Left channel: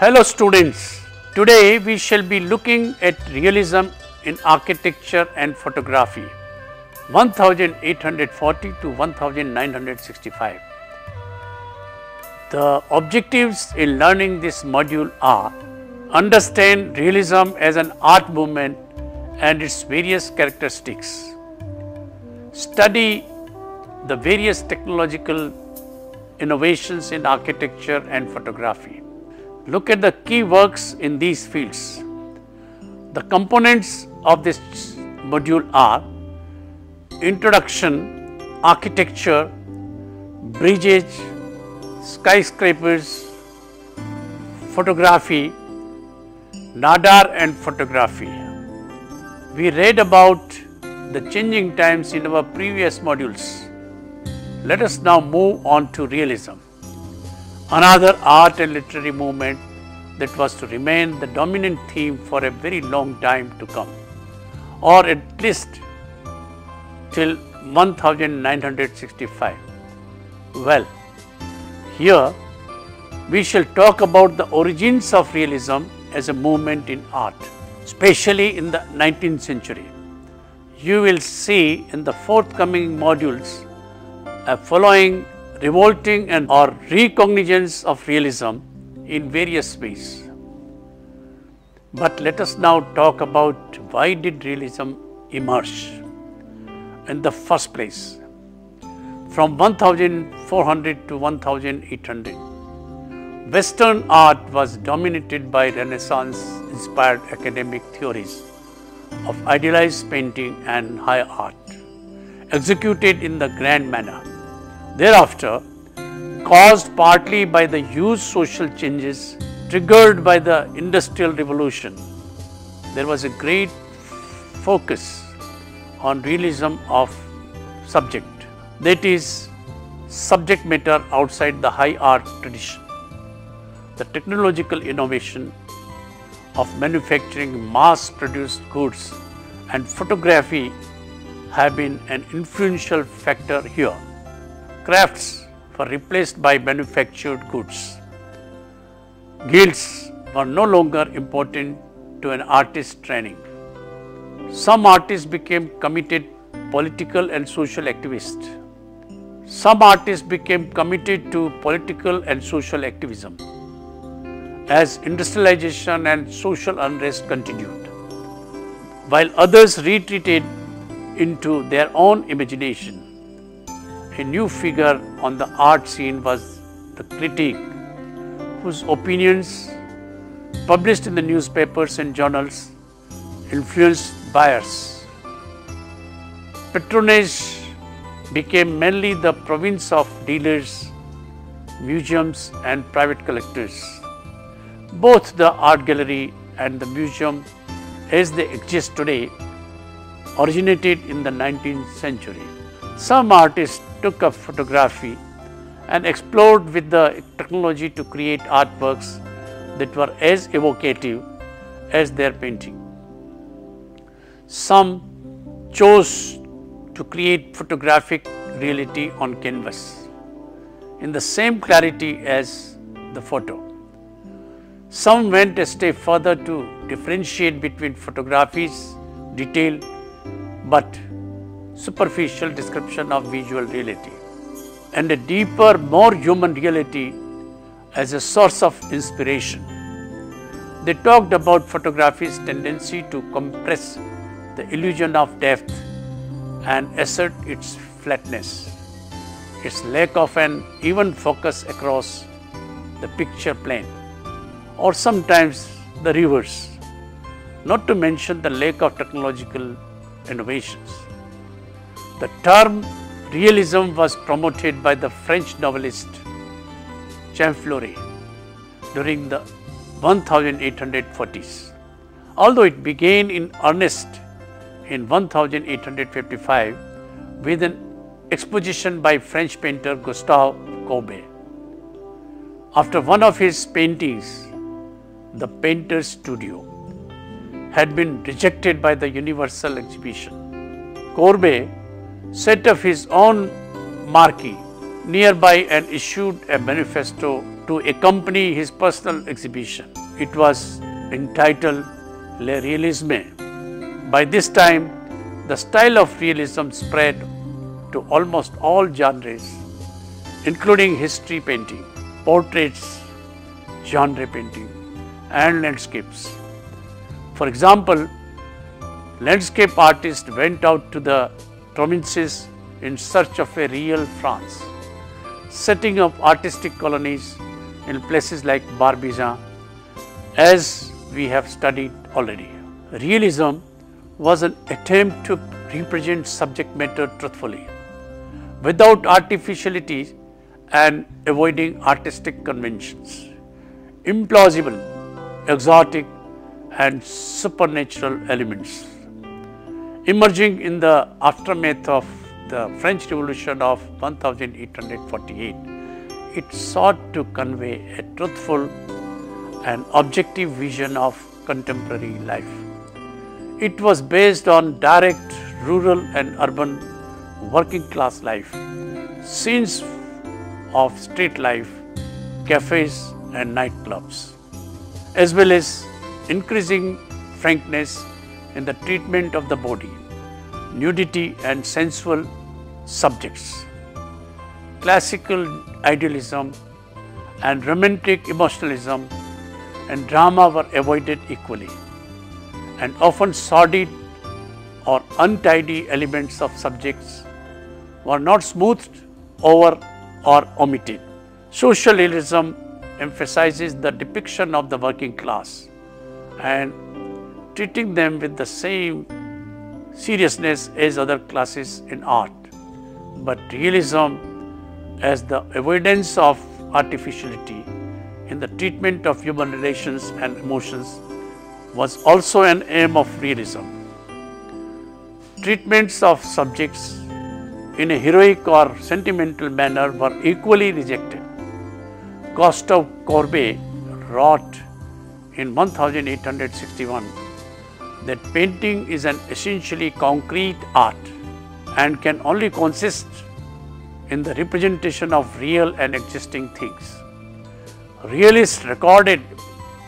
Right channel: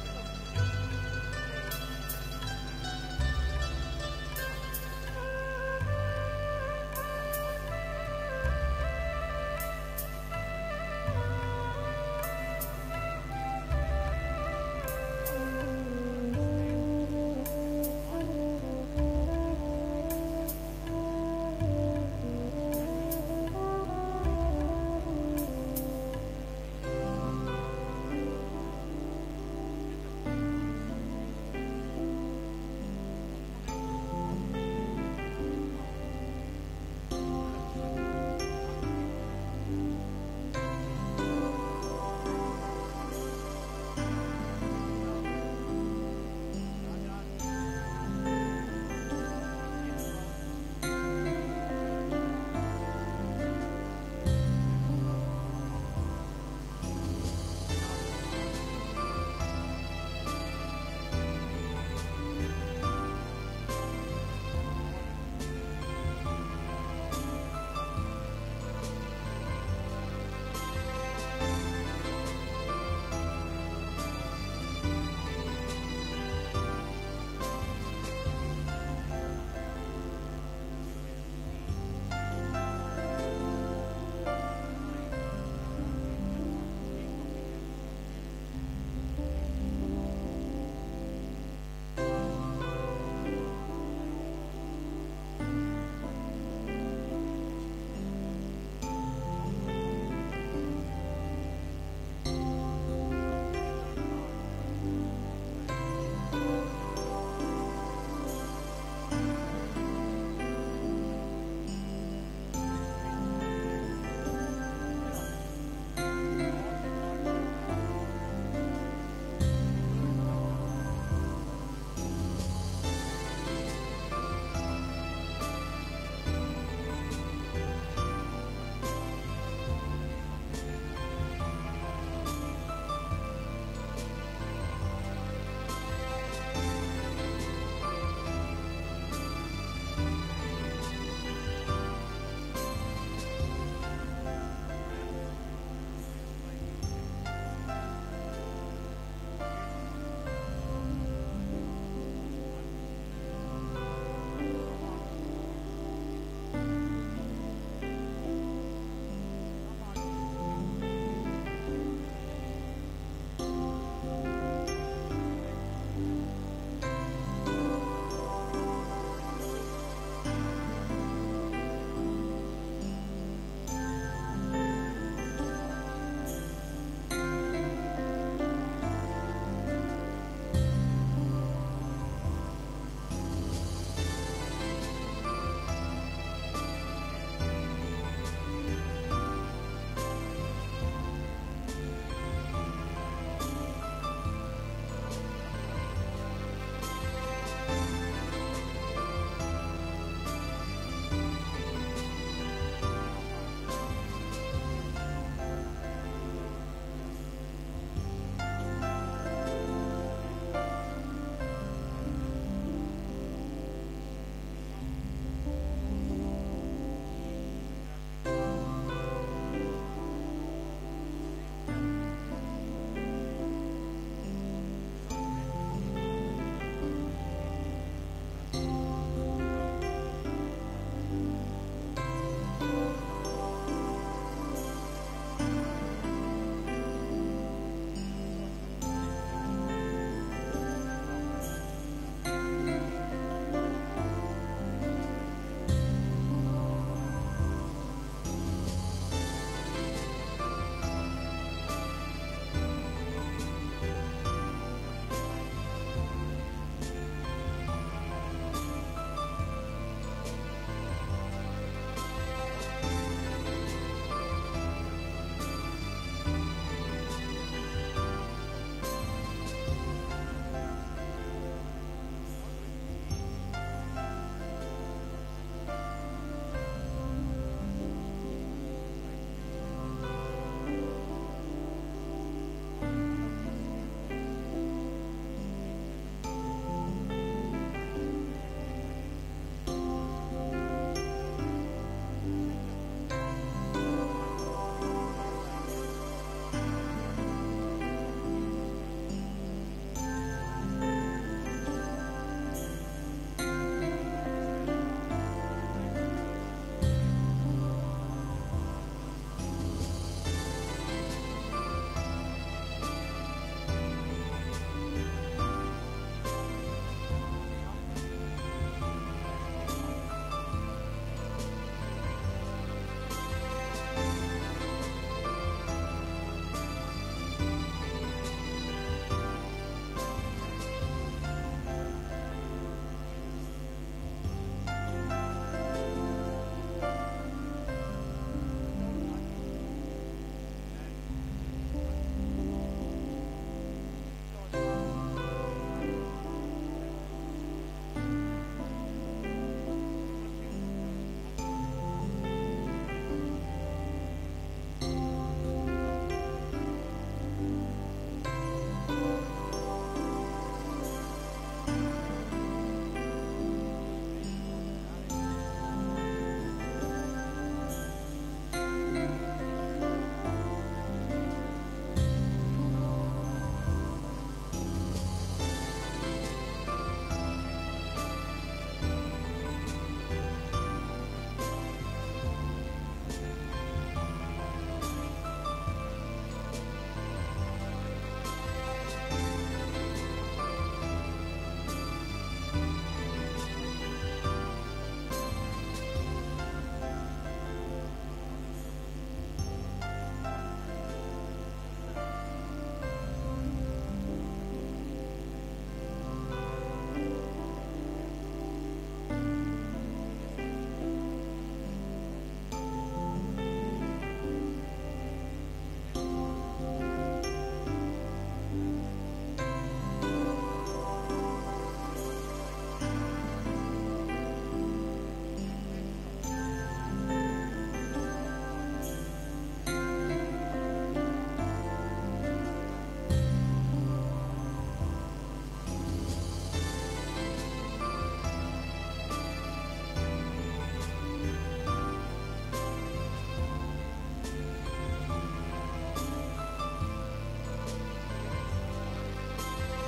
Hello students, today we shall be looking at realism in architecture and photography 1840 to 1965. The objectives in learning this module are: understand realism as an art movement and its various characteristics, study the various technological innovations in architecture and photography. Look at the key works in these fields. The components of this module are introduction, architecture, bridges, skyscrapers, photography, nadar and photography. We read about the changing times in our previous modules. Let us now move on to realism, another art and literary movement that was to remain the dominant theme for a very long time to come, or at least till 1965. Well, here we shall talk about the origins of realism as a movement in art, especially in the 19th century. You will see in the forthcoming modules a following revolting and or recognizance of realism in various ways. But let us now talk about why did realism emerge in the first place. From 1400 to 1800, Western art was dominated by Renaissance-inspired academic theories of idealized painting and high art, executed in the grand manner. Thereafter, caused partly by the huge social changes triggered by the Industrial Revolution, there was a great focus on realism of subject, that is, subject matter outside the high art tradition. The technological innovation of manufacturing mass-produced goods and photography have been an influential factor here. Crafts were replaced by manufactured goods. Guilds were no longer important to an artist's training. Some artists became committed political and social activists. Some artists became committed to political and social activism as industrialization and social unrest continued, while others retreated into their own imagination. A new figure on the art scene was the critic, whose opinions, published in the newspapers and journals, influenced buyers. Patronage became mainly the province of dealers, museums and private collectors. Both the art gallery and the museum as they exist today originated in the 19th century. Some artists took up photography and explored with the technology to create artworks that were as evocative as their painting. Some chose to create photographic reality on canvas in the same clarity as the photo. Some went a step further to differentiate between photography's detailed but superficial description of visual reality and a deeper, more human reality as a source of inspiration. They talked about photography's tendency to compress the illusion of depth and assert its flatness, its lack of an even focus across the picture plane, or sometimes the reverse, not to mention the lack of technological innovations. The term realism was promoted by the French novelist Jean Florey during the 1840s. Although it began in earnest in 1855 with an exposition by French painter Gustave Courbet. After one of his paintings, The Painter's Studio, had been rejected by the Universal Exhibition, Courbet set up his own marquee nearby and issued a manifesto to accompany his personal exhibition. It was entitled Le Realisme. By this time, the style of realism spread to almost all genres, including history painting, portraits, genre painting, and landscapes. For example, landscape artists went out to the provinces in search of a real France, setting up artistic colonies in places like Barbizon, as we have studied already. Realism was an attempt to represent subject matter truthfully, without artificiality and avoiding artistic conventions. Implausible, exotic, and supernatural elements. Emerging in the aftermath of the French Revolution of 1848, it sought to convey a truthful and objective vision of contemporary life. It was based on direct rural and urban working class life, scenes of street life, cafes and nightclubs, as well as increasing frankness in the treatment of the body, nudity and sensual subjects. Classical idealism and romantic emotionalism and drama were avoided equally, and often sordid or untidy elements of subjects were not smoothed over or omitted. Social realism emphasizes the depiction of the working class and treating them with the same seriousness as other classes in art. But realism, as the avoidance of artificiality in the treatment of human relations and emotions, was also an aim of realism. Treatments of subjects in a heroic or sentimental manner were equally rejected. Gustave Courbet wrote in 1861 that painting is an essentially concrete art and can only consist in the representation of real and existing things. Realists recorded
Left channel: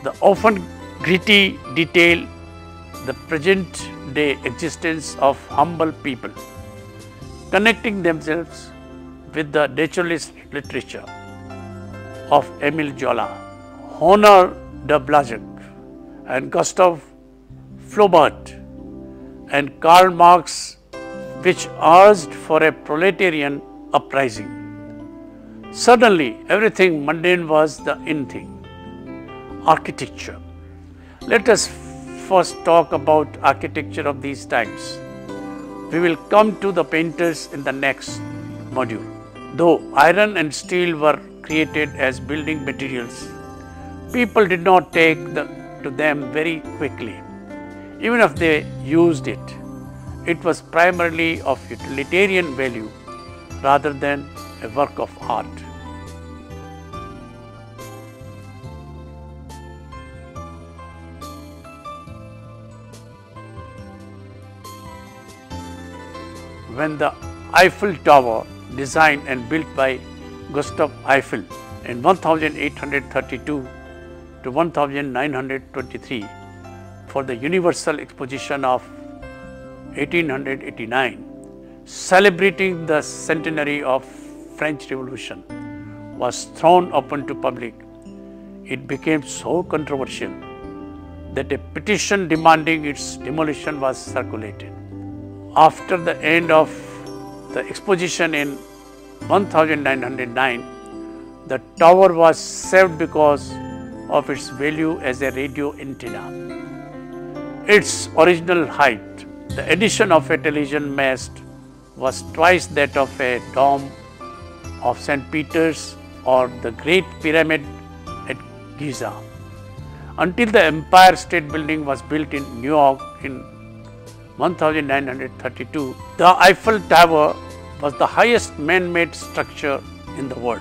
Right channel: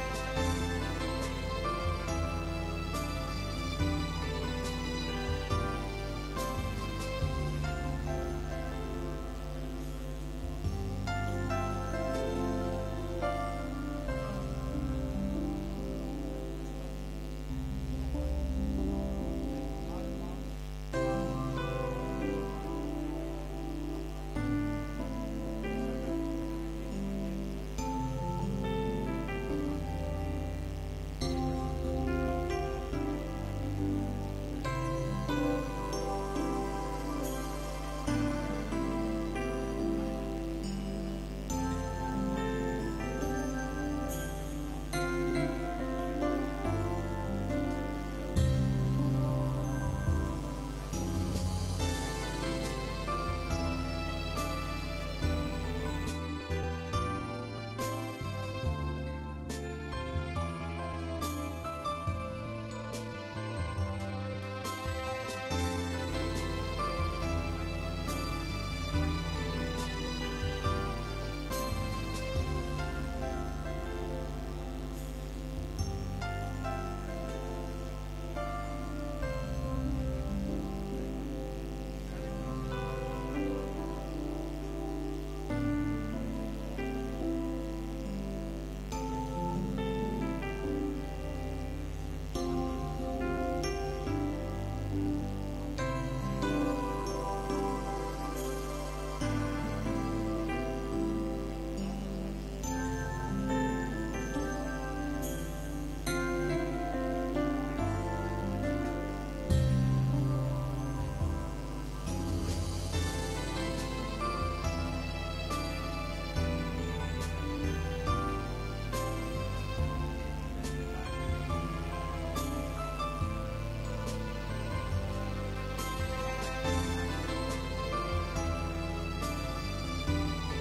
the often gritty detail, the present day existence of humble people, connecting themselves with the naturalist literature of Émile Zola, Honor de Balzac, and Gustave Flaubert, and Karl Marx, which urged for a proletarian uprising. Suddenly, everything mundane was the in thing. Architecture. Let us first talk about architecture of these times. We will come to the painters in the next module. Though iron and steel were created as building materials, people did not take to them very quickly. Even if they used it, it was primarily of utilitarian value rather than a work of art. When the Eiffel Tower, designed and built by Gustave Eiffel in 1832 to 1923 for the Universal Exposition of 1889, celebrating the centenary of French Revolution, was thrown open to public, it became so controversial that a petition demanding its demolition was circulated. After the end of the exposition in 1909, the tower was saved because of its value as a radio antenna. Its original height, the addition of a television mast, was twice that of a dome of St. Peter's or the Great Pyramid at Giza. Until the Empire State Building was built in New York in 1932, the Eiffel Tower was the highest man-made structure in the world.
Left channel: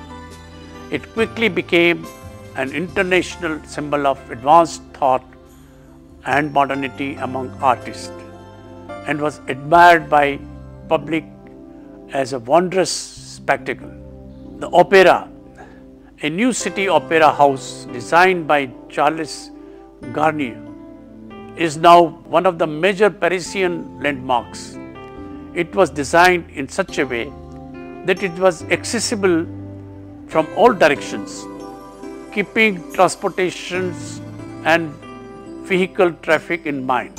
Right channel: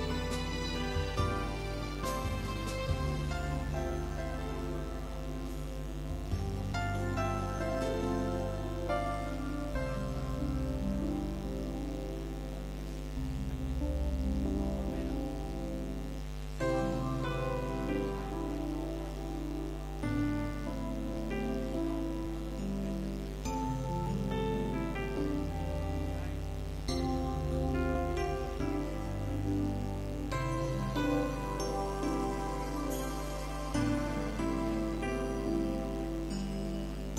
It quickly became an international symbol of advanced thought and modernity among artists, and was admired by public as a wondrous spectacle. The opera, A new city opera house designed by Charles Garnier is now one of the major Parisian landmarks. It was designed in such a way that it was accessible from all directions, keeping transportations and vehicle traffic in mind.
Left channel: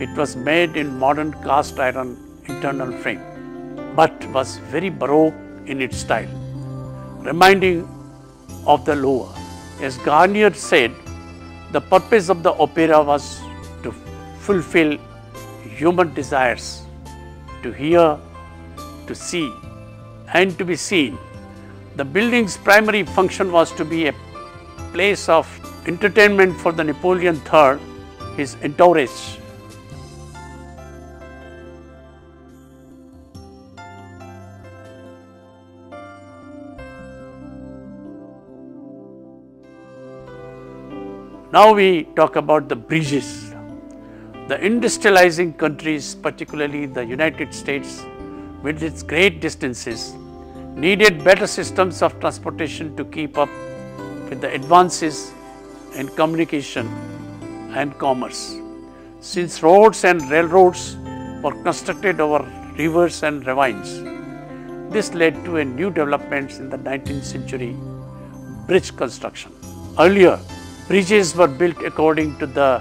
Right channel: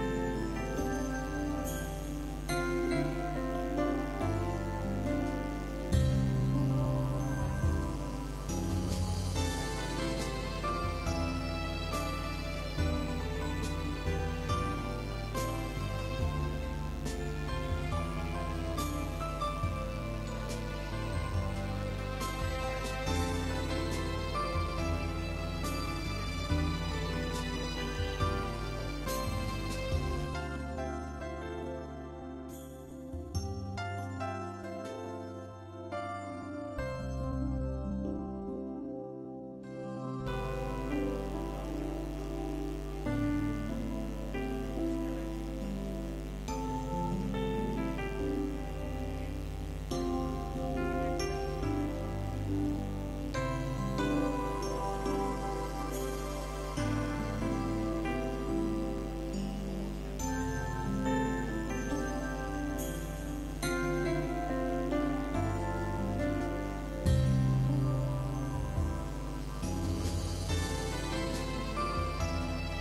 It was made in modern cast iron internal frame, but was very baroque in its style, reminding of the Louvre. As Garnier said, the purpose of the opera was to fulfill human desires, to hear, to see, and to be seen. The building's primary function was to be a place of entertainment for the Napoleon III, his entourage. Now we talk about the bridges. The industrializing countries, particularly the United States, with its great distances, needed better systems of transportation to keep up with the advances in communication and commerce. Since roads and railroads were constructed over rivers and ravines, this led to a new developments in the 19th century, bridge construction. Earlier, bridges were built according to the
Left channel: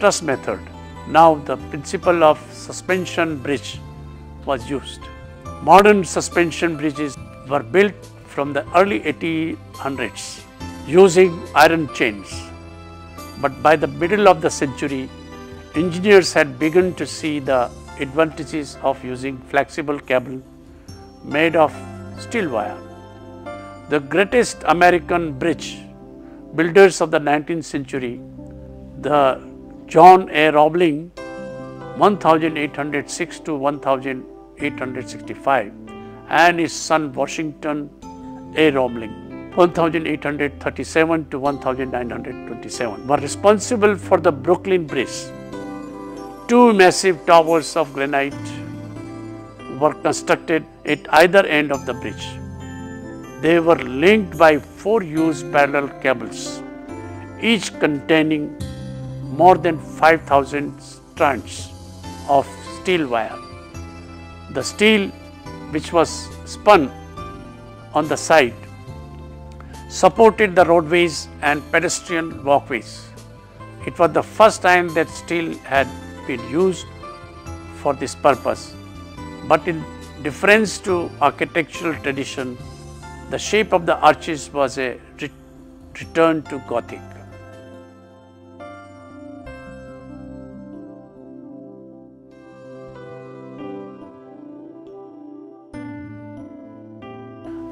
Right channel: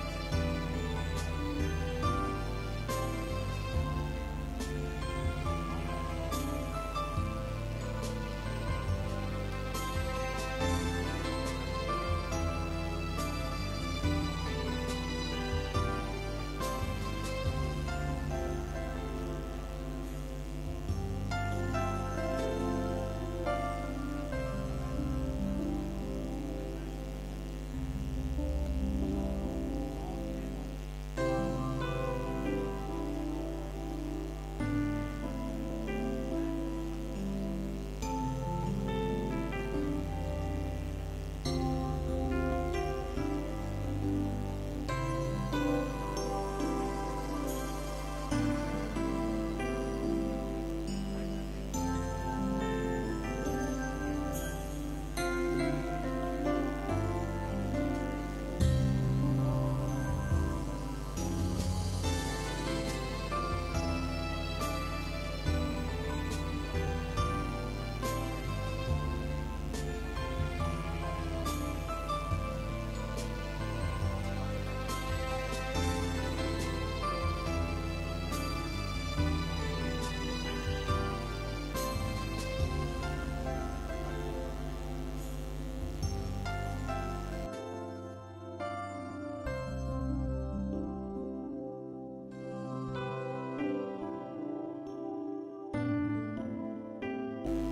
truss method. Now the principle of suspension bridge was used. Modern suspension bridges were built from the early 1800s using iron chains. But by the middle of the century, engineers had begun to see the advantages of using flexible cable made of steel wire. The greatest American bridge builders of the 19th century, the John A. Roebling 1806 to 1865 and his son Washington A. Roebling 1837 to 1927 were responsible for the Brooklyn Bridge. Two massive towers of granite were constructed at either end of the bridge. They were linked by 4 huge parallel cables, each containing more than 5,000 strands of steel wire. The steel, which was spun on the side, supported the roadways and pedestrian walkways. It was the first time that steel had been used for this purpose, but in difference to architectural tradition, the shape of the arches was a return to Gothic.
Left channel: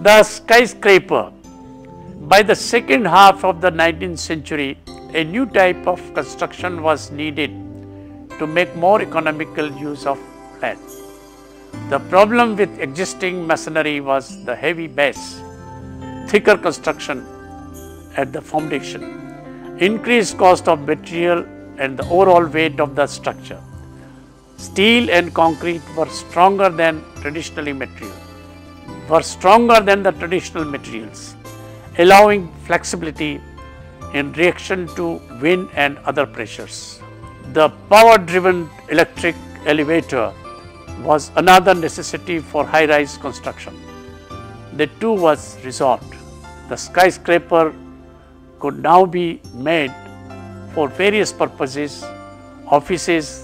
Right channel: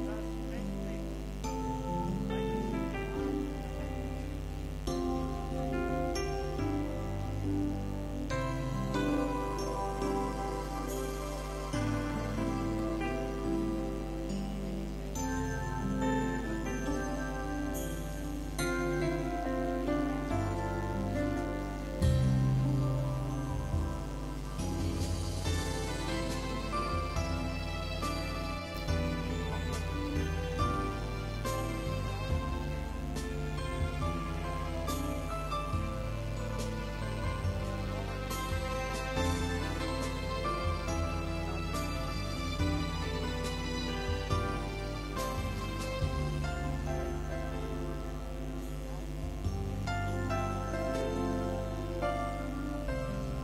The skyscraper. By the second half of the 19th century, a new type of construction was needed to make more economical use of land. The problem with existing masonry was the heavy base, thicker construction at the foundation, increased cost of material and the overall weight of the structure. Steel and concrete were stronger than the traditional materials, allowing flexibility in reaction to wind and other pressures. The power-driven electric elevator was another necessity for high-rise construction. The two was resolved. The skyscraper could now be made for various purposes: offices,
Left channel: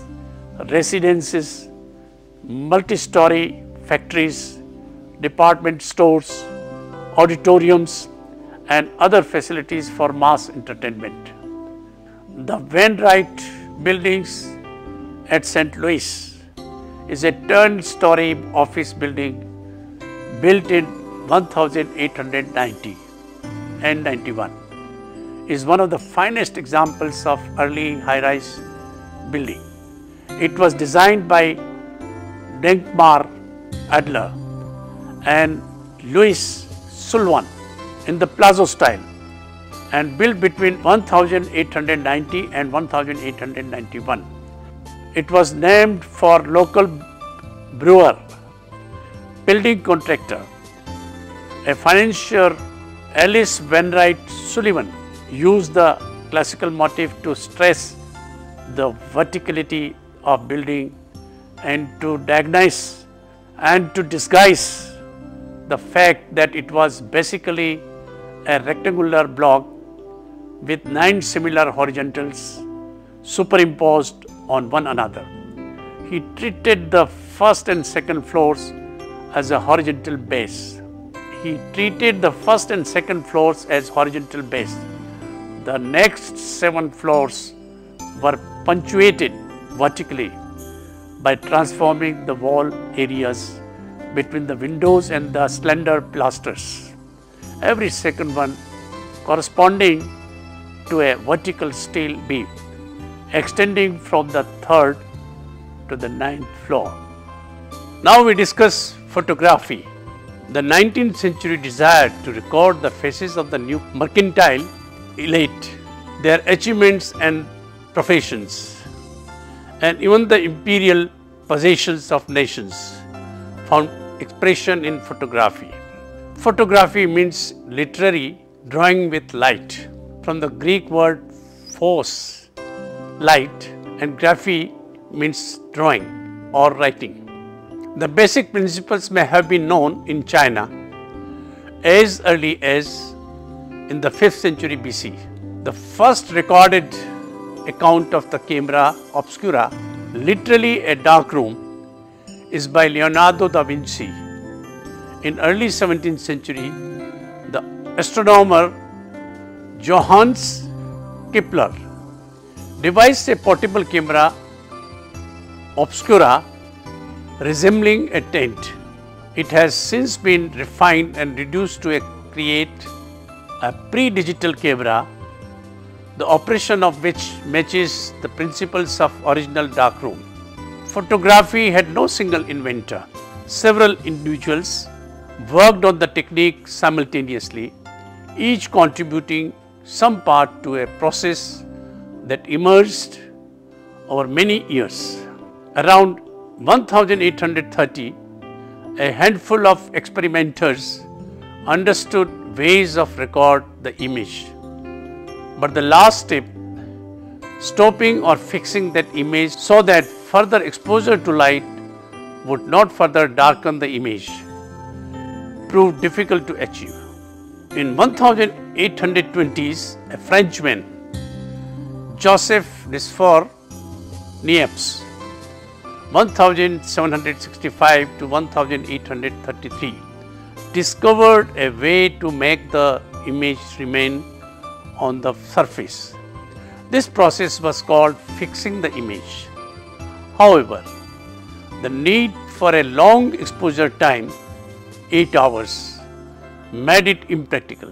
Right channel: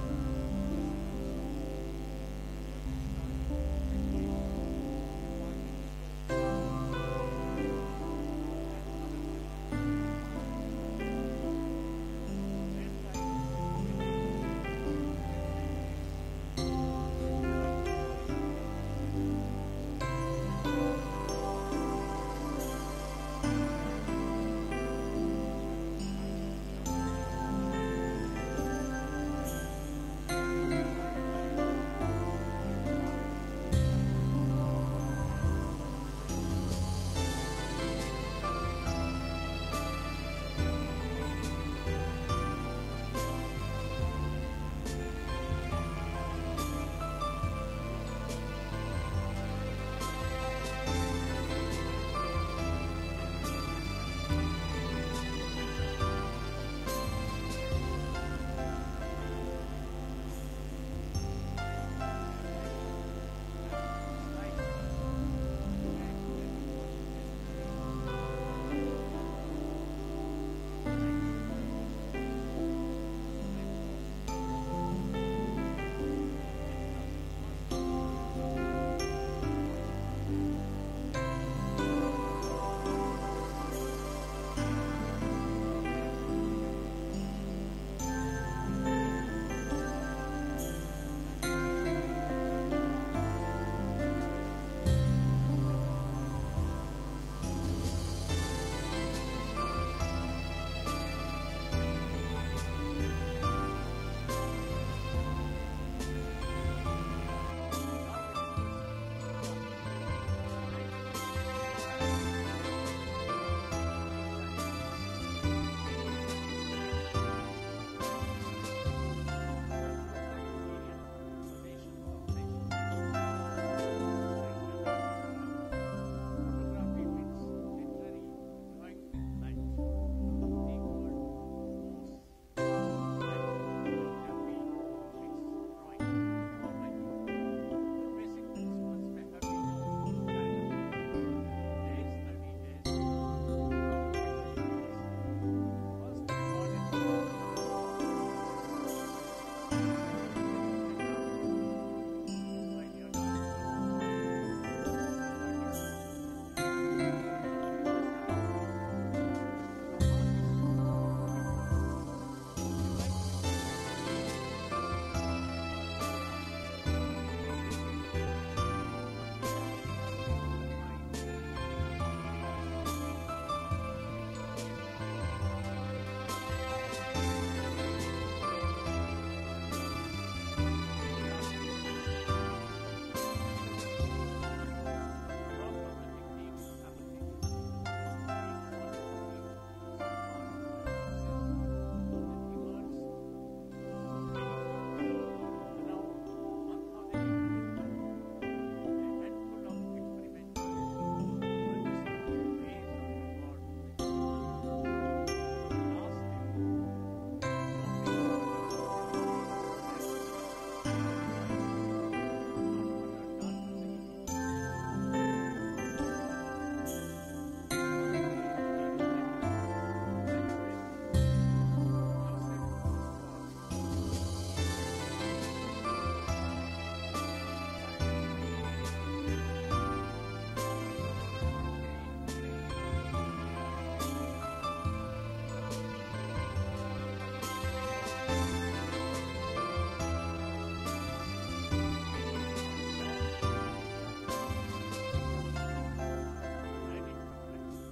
residences, multi-story factories, department stores, auditoriums, and other facilities for mass entertainment. The Wainwright buildings at St. Louis is a 10-story office building built in 1890 and 91. Is one of the finest examples of early high-rise building. It was designed by Denkmar Adler and Louis Sullivan in the Palazzo style and built between 1890 and 1891. It was named for local brewer, building contractor, a financier Alice Wainwright Sullivan used the classical motif to stress the verticality of building and to diagnose and to disguise the fact that it was basically a rectangular block with 9 similar horizontals superimposed on one another. He treated the first and second floors as a horizontal base. The next 7 floors were punctuated vertically by transforming the wall areas between the windows and the slender pilasters, every second one corresponding to a vertical steel beam extending from the 3rd to the 9th floor. Now we discuss photography. The 19th century desired to record the faces of the new mercantile elite, their achievements and professions, and even the imperial possessions of nations found expression in photography. Photography means literary drawing with light, from the Greek word phos, light, and graphy means drawing or writing. The basic principles may have been known in China as early as in the 5th century BC. The first recorded account of the camera obscura, literally a dark room, is by Leonardo da Vinci. In early 17th century, the astronomer Johannes Kepler devised a portable camera obscura resembling a tent. It has since been refined and reduced to create a pre-digital camera, the operation of which matches the principles of original darkroom. Photography had no single inventor. Several individuals worked on the technique simultaneously, each contributing some part to a process that emerged over many years. Around 1830, a handful of experimenters understood ways of record the image. But the last step, stopping or fixing that image so that further exposure to light would not further darken the image, proved difficult to achieve. In 1820s, a Frenchman, Joseph Desfour Niepce, 1765 to 1833, discovered a way to make the image remain on the surface. This process was called fixing the image. However, the need for a long exposure time, 8 hours, made it impractical.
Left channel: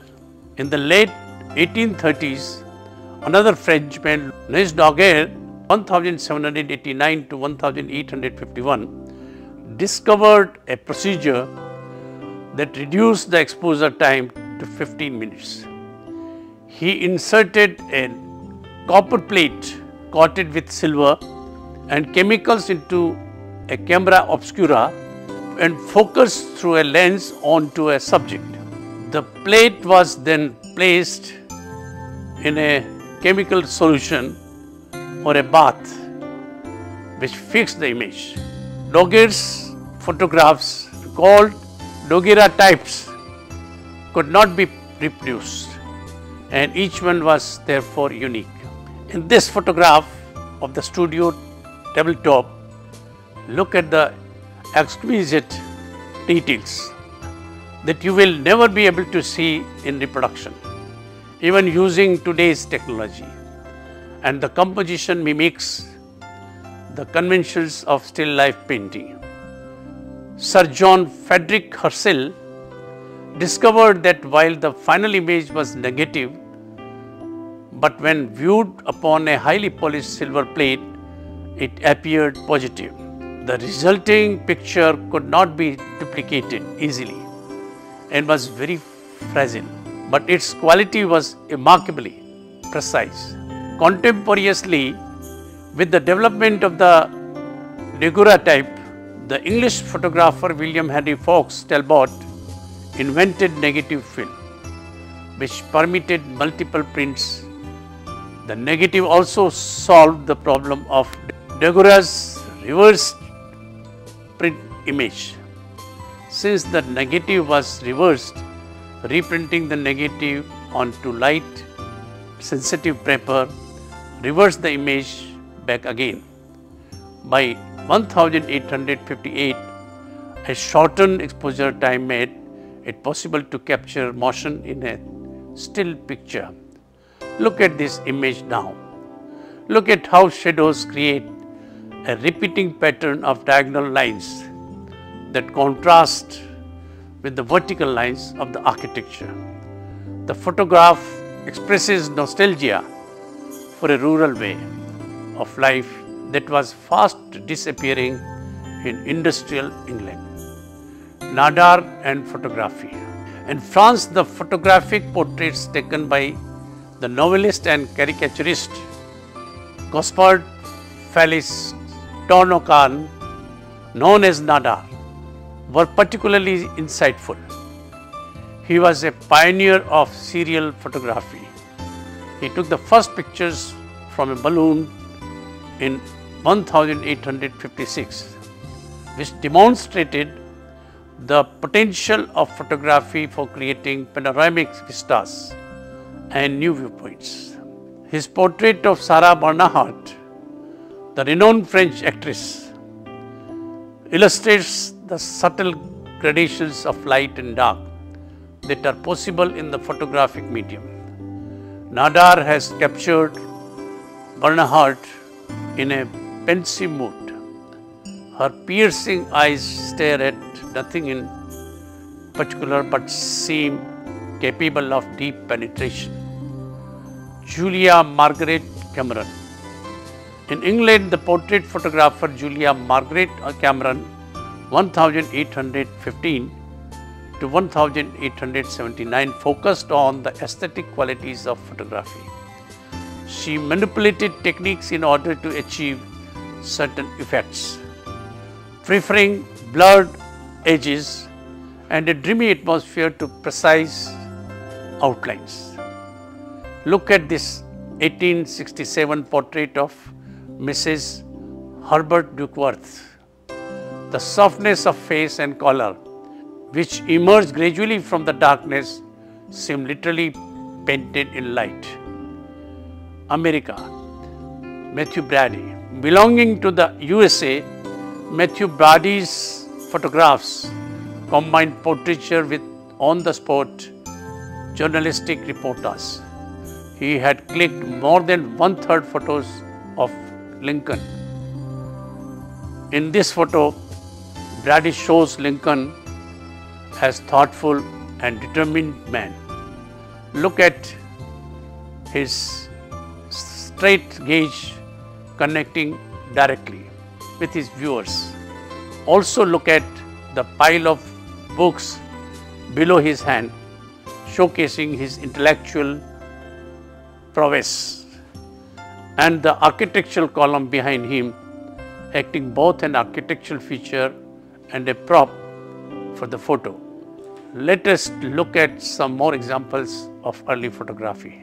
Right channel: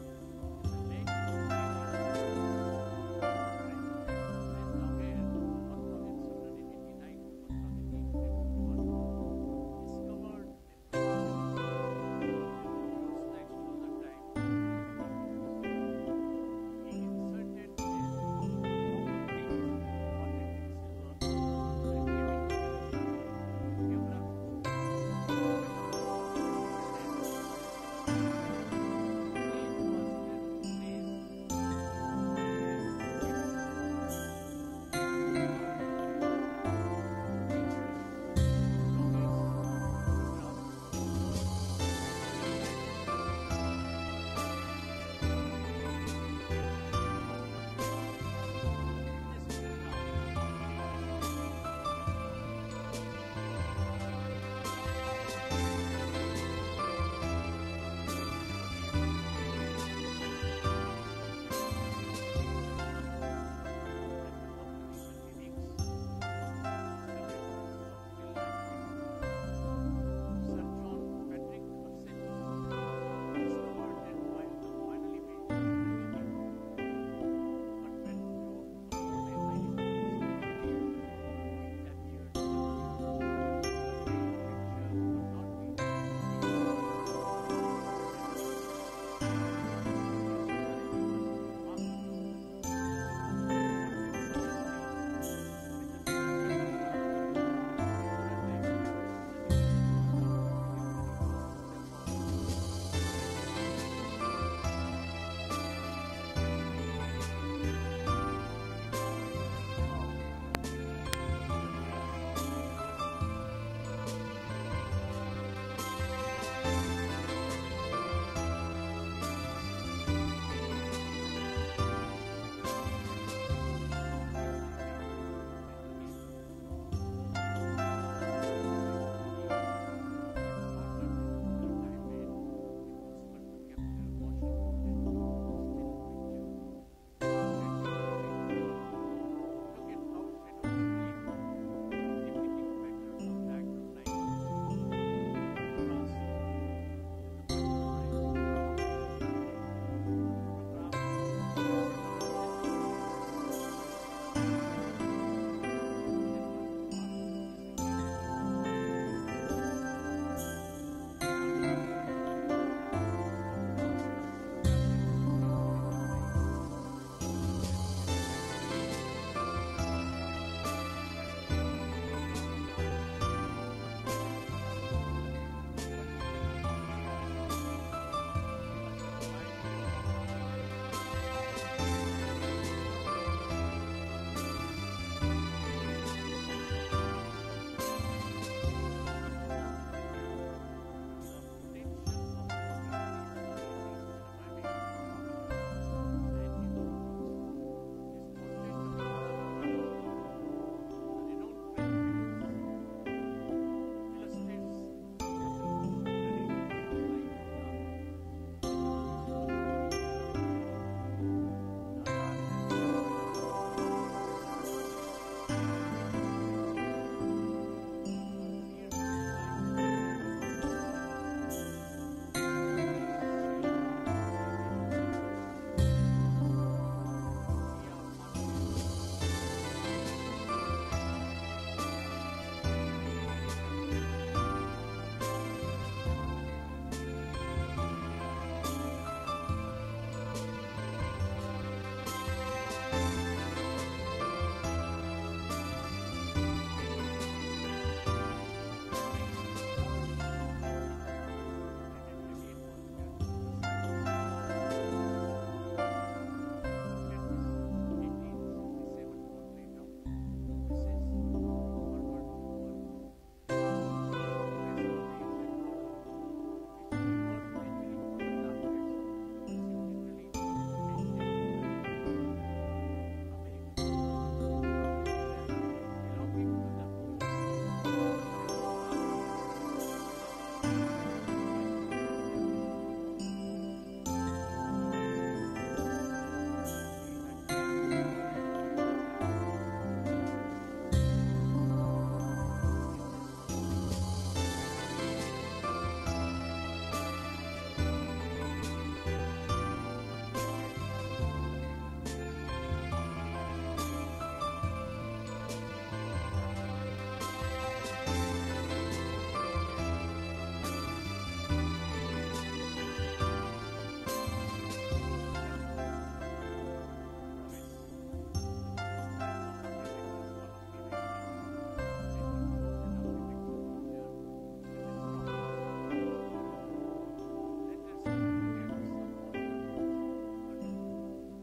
In the late 1830s, another Frenchman, Louis Daguerre, 1789 to 1851, discovered a procedure that reduced the exposure time to 15 minutes. He inserted a copper plate coated with silver and chemicals into a camera obscura and focused through a lens onto a subject. The plate was then placed in a chemical solution or a bath which fixed the image. Daguerre's photographs, called daguerreotypes, could not be reproduced, and each one was therefore unique. In this photograph of the studio tabletop, look at the exquisite details that you will never be able to see in reproduction, even using today's technology. And the composition mimics the conventions of still life painting. Sir John Frederick Herschel discovered that while the final image was negative, but when viewed upon a highly polished silver plate, it appeared positive. The resulting picture could not be duplicated easily and was very fragile, but its quality was remarkably precise. Contemporaneously with the development of the daguerreotype, the English photographer William Henry Fox Talbot invented negative film. which permitted multiple prints. The negative also solved the problem of Deguer's reverse print image. Since the negative was reversed, reprinting the negative onto light sensitive paper reversed the image back again. By 1858, a shortened exposure time made it possible to capture motion in a still picture. Look at this image now. Look at how shadows create a repeating pattern of diagonal lines that contrast with the vertical lines of the architecture. The photograph expresses nostalgia for a rural way of life that was fast disappearing in industrial England. Nadar and photography. In France, the photographic portraits taken by the novelist and caricaturist Gaspard Félix Tourneau, known as Nadar, were particularly insightful. He was a pioneer of serial photography. He took the first pictures from a balloon in 1856, which demonstrated the potential of photography for creating panoramic vistas and new viewpoints. His portrait of Sarah Bernhardt, the renowned French actress, illustrates the subtle gradations of light and dark that are possible in the photographic medium. Nadar has captured Bernhardt in a pensive mood. Her piercing eyes stare at nothing in particular but seem capable of deep penetration. Julia Margaret Cameron. In England, the portrait photographer Julia Margaret Cameron, 1815 to 1879, focused on the aesthetic qualities of photography. She manipulated techniques in order to achieve certain effects, preferring blurred edges and a dreamy atmosphere to precise outlines. Look at this 1867 portrait of Mrs. Herbert Duckworth. The softness of face and color, which emerged gradually from the darkness, seemed literally painted in light. America, Matthew Brady. Belonging to the USA, Matthew Brady's photographs combined portraiture with on-the-spot journalistic reportage. He had clicked more than 1/3 photos of Lincoln. In this photo, Brady shows Lincoln as thoughtful and determined man. Look at his straight gaze connecting directly with his viewers. Also look at the pile of books below his hand, showcasing his intellectual prowess, and the architectural column behind him, acting both an architectural feature and a prop for the photo. Let us look at some more examples of early photography.